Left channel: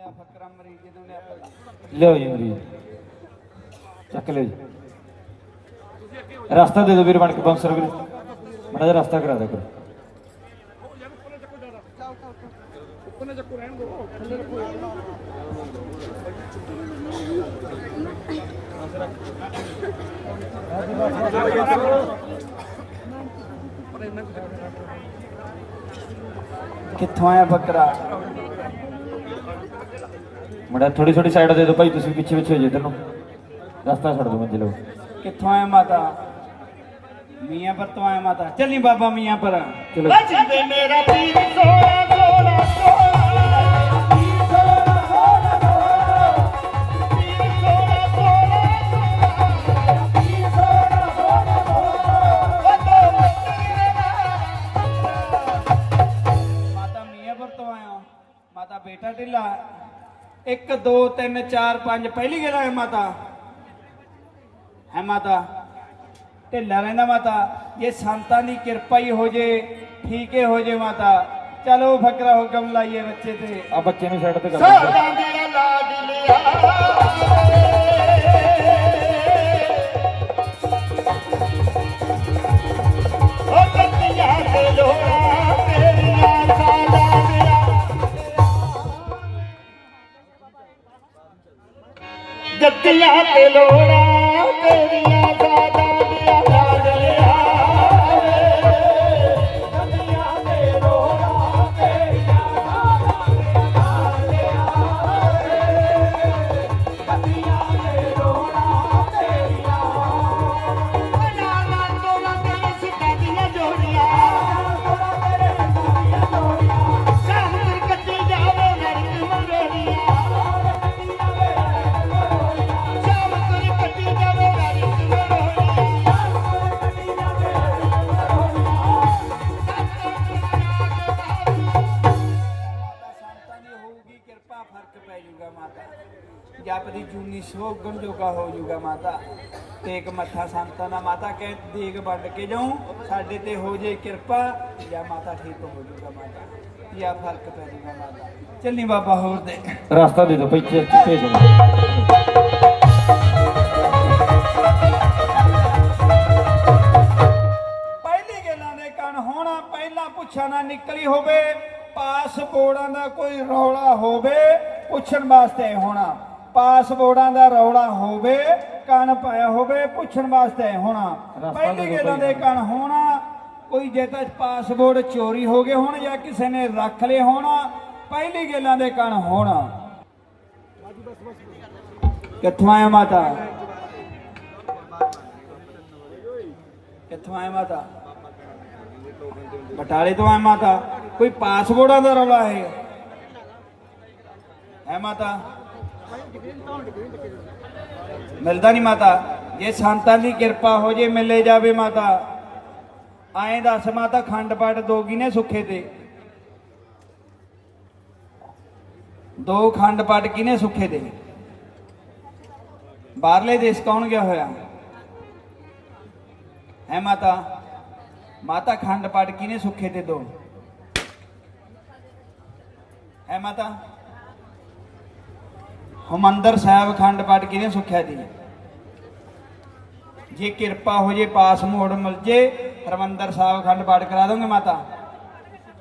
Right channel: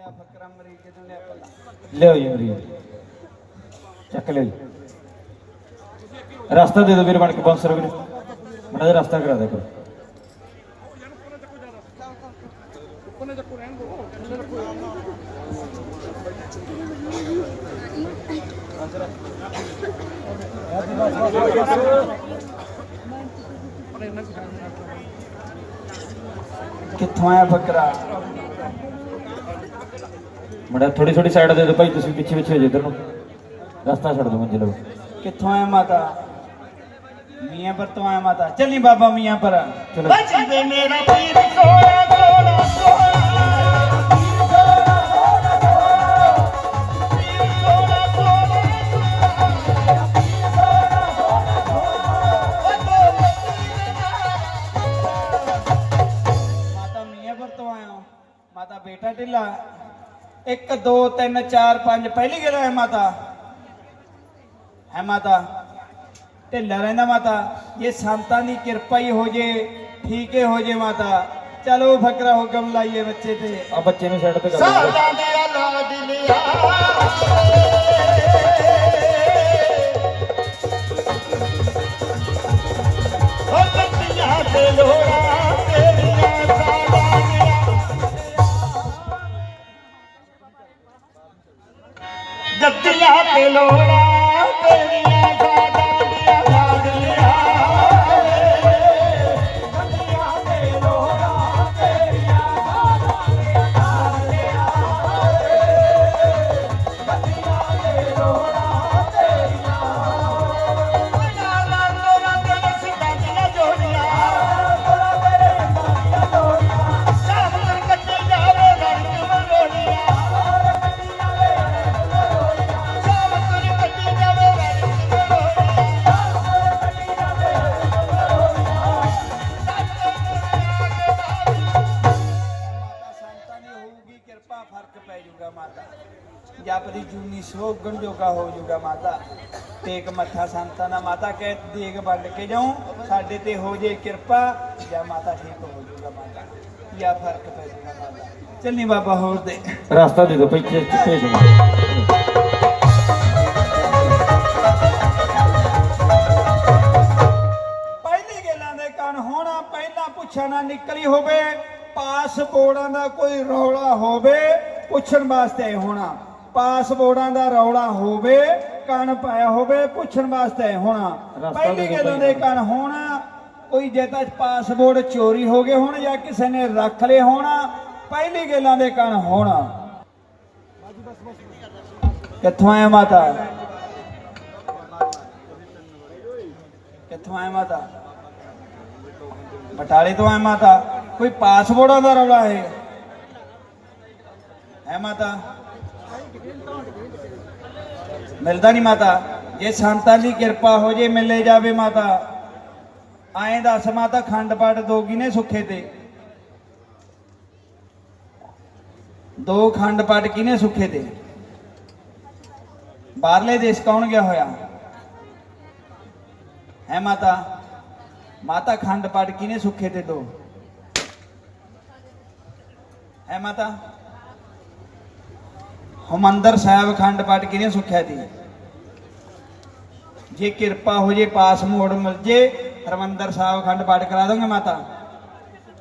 ਲਿਆ ਫਕਰਾ ਮਰੀਜ਼ ਨੂੰ ਲਿਆ ਪਤਾ ਲਿਓ ਜੀ ਮਰੀਜ਼। ਚੱਕ ਲਿਓ ਜੀ। ਰਸਤਾ ਦੇ ਦਿਓ ਵੀਰ ਬਣ ਕੇ 500 ਰੁਪਏ ਮੜਾ ਜਿਹਾ ਰਸਤਾ ਕਰਾ ਦੇ ਕਰੋ। ਕਿੱਥੋਂ ਆ ਬੱਕਰਾ? ਮੜਾ ਥੋੜੀ ਥੋੜੀ ਸਾਈਡ ਦੇ ਦਿਓ ਭਾਈ ਤੁਸੀਂ ਪਿੱਛੇ ਪਿੱਛੇ ਹੋ ਜਾਓ ਇੱਧਰ ਨੂੰ। ਰਸਤਾ ਛੱਡ ਦਿਓ ਮੰਜੇ ਲਓ ਕਿੱਥੋਂ ਆਇਆ ਮਾਤਾ? ਮੀਆਂ ਪਰ ਤੋਂ ਆਇਆ ਮਾਤਾ। ਚੱਲੀ ਬਾਬਾ ਮੀਆਂ ਪਰ। ਚਲੋ। ਮੇਰਾ ਪੀਰ ਸੋਇਆ 1 2 3 4 5 ਪਹਿਲੀ ਗੇੜਾ ਹੈ ਮਾਤਾ? ਹੈ ਮਾਤਾ। ਢਿੱਲਾ ਰਹਿੰਦਾ ਮਾਤਾ। ਜੇ ਸੰਤਾਂ ਦੀ ਕਿਰਪਾ ਹੀ ਹੋ ਜੇ ਠੀਕ ਹੀ ਹੋ ਜੇ ਮਾਤਾ। ਚਲੋ ਫਕਰਾ ਹੁਕਮ ਲਾਈਏ ਬੱਚੇ ਤੇ। ਆ ਬੱਚੇ ਨੂੰ ਸਾਈਡ ਤੇ ਕਰ ਸਾਡਾ ਮੇਰਾ ਲਾਡ એકલા પેલોડા કરી ਜਪ ਦੀ ਜੂਨੀ ਸੋਗਣ ਜੋਗਾ ਹੋ ਜਾਊਗਾ ਮਾਤਾ। ਟੇਕ ਮੱਥਾ ਸੰਤਾਂ ਦਾ ਮਾਤਾ ਕਹਿ ਦੇਗ ਵੰਡ ਕੇ ਜਾਉ ਸਾਡੇ ਤੇ ਹੋ ਜੇ ਕਿਰਪਾ ਜਾਂ ਮਾਤਾ ਠੀਕ ਹੋ ਜਾਊਗਾ ਮਾਤਾ। ਜਾਂ ਫ਼ਰਕ ਪੈ ਜਾਊਗਾ ਮਾਤਾ। ਚੱਲੀ ਬਾਬਾ ਹੋਰ ਦੇ। ਰਸਤਾ ਦੇ ਭਾਈ ਇੱਥੇ ਭੇਜ ਪਹਿਲੀ ਗੱਲਾਂ ਦੇ ਕੰਨ ਹੋਣਾ ਪਹਿਲਾਂ ਪੁੱਛਣਾ ਨਿਕਲੀ ਹੋਵੇ ਪਾਸਪੋਰਟਾਂ ਦਾ ਕੋਈ ਰੌਲਾ ਹੋਵੇ ਪੁੱਛਣ ਵਾਸਤੇ ਹੋਣਾ। ਪਾਸਪੋਰਟਾਂ ਦਾ ਰੌਲਾ ਹੋਵੇ ਕੰਨ ਪਾਇਆ ਹੋਵੇ ਪੁੱਛਣ ਵਾਸਤੇ ਹੋਣਾ। ਪਹਿਲੀ ਗੱਲਾਂ ਦੇ ਕੰਨ ਹੋਣਾ ਕੋਈ ਜੇ ਤਾਂ ਪਾਸਪੋਰਟ ਚੋਰੀ ਹੋ ਗਏ ਹੋਣ ਜਾਂ ਕਿਸੇ ਨੇ ਰੱਖ ਲਏ ਹੋਣਾ ਪਹਿਲੀ ਗੱਲਾਂ ਦੇ ਕੰਨ ਹੋਣਾ। ਕਿੱਥੋਂ ਆਇਆ ਮਾਤਾ? ਕਿੱਥੋਂ ਆਇਆ ਮਾਤਾ? ਬਟਾਲੇ ਤੋਂ ਆਇਆ ਮਾਤਾ। ਕੋਈ ਪਾਸਪੋਰਟਾਂ ਦਾ ਰੌਲਾ ਹੈ? ਹੈ ਮਾਤਾ? ਮਿਲਦਾ ਨਹੀਂ ਮਾਤਾ। ਜੇ ਸੰਤਾਂ ਦੀ ਕਿਰਪਾ ਹੋ ਜੇ ਮਿਲੇ ਜਾਵੇ ਮਾਤਾ, ਆਏ ਦੱਸ ਮਾਤਾ, ਖੰਡ ਪਾਠ ਦੋਗੀ ਨੇ ਸੁੱਖੇ ਤੇ? ਦੋ ਖੰਡ ਪਾਠ ਕਿਨੇ ਸੁੱਖੇ ਤੇ? ਬਾਹਰਲੇ ਦੇਸ਼ ਕੌਣ ਗਿਆ ਹੋਇਆ? ਹੈ ਮਾਤਾ? ਮਾਤਾ, ਖੰਡ ਪਾਠ ਕਿਨੇ ਸੁੱਖੇ ਤੇ ਦੋ? ਹੈ ਮਾਤਾ? ਹਮੰਦਰ ਸਾਹਿਬ ਖੰਡ ਪਾਠ ਕਿਹਨੇ ਸੁੱਖਿਆ ਜੀ। ਜੇ ਕਿਰਪਾ ਹੋ ਜੇ, ਪਾਸ ਮੋੜ ਮਿਲ ਜੇ, ਹਰਮੰਦਰ ਸਾਹਿਬ ਖੰਡ ਪਾਠ ਕਰਾ ਦੋਗੇ ਮਾਤਾ?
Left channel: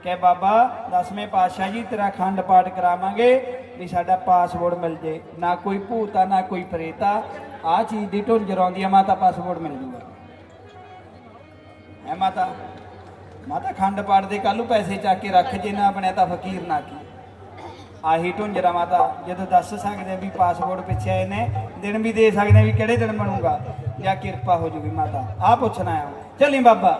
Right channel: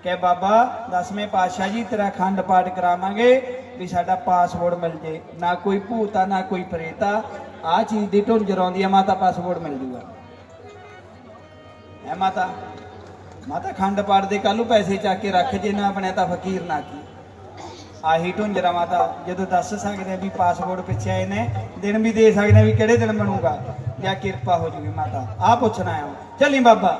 ਕਿ ਬਾਬਾ, ਦਸਵੇਂ ਪਾਤਸ਼ਾਹ ਜੀ, ਤੇਰਾ ਖੰਡ ਪਾਠ ਕਰਾਵਾਂਗੇ ਵੀ ਸਾਡਾ ਪਾਸਪੋਰਟ ਮਿਲ ਜੇ। ਨਾ ਕੋਈ ਭੂਤਾ, ਨਾ ਕੋਈ ਪ੍ਰੇਤਾ। ਆ ਚੀਜ਼ ਦੀ ਢੁੰਜਰ ਆਉਂਦੀ ਆ, ਮਾਤਾ ਪਾਸਪੋਰਟ ਮਿਲ ਜੂਗਾ। ਹੈ ਮਾਤਾ? ਮਾਤਾ, ਖੰਡ ਪਾਠ ਦੇ ਕੱਲੂ ਪੈਸੇ ਚੱਕ ਕੇ ਰੱਖ, ਜੇ ਨਾ ਬਣਿਆ ਤਾਂ ਫਕੀਰ ਨਾ ਕੀ। ਆਹੀ ਢੁੰਜਰਾ ਮਾਤਾ ਜਦੋਂ ਦੱਸ ਸਕਦੇ ਆ ਵੀ ਪਾਸਪੋਰਟ ਪਿੱਛੇ ਆਏ ਨੇ, ਦਿਨ ਵੀ ਦੇ ਸਕਦੇ ਆ ਵੀ ਕਿਹੜੇ ਦਿਨ ਬਣੂਗਾ। ਜਾਂ ਕਿਰਪਾ ਹੋ ਜੂਗੀ ਮਾਤਾ ਆ ਪੁੱਛਣਾ ਆ। ਚੱਲੀ ਬਾਬਾ।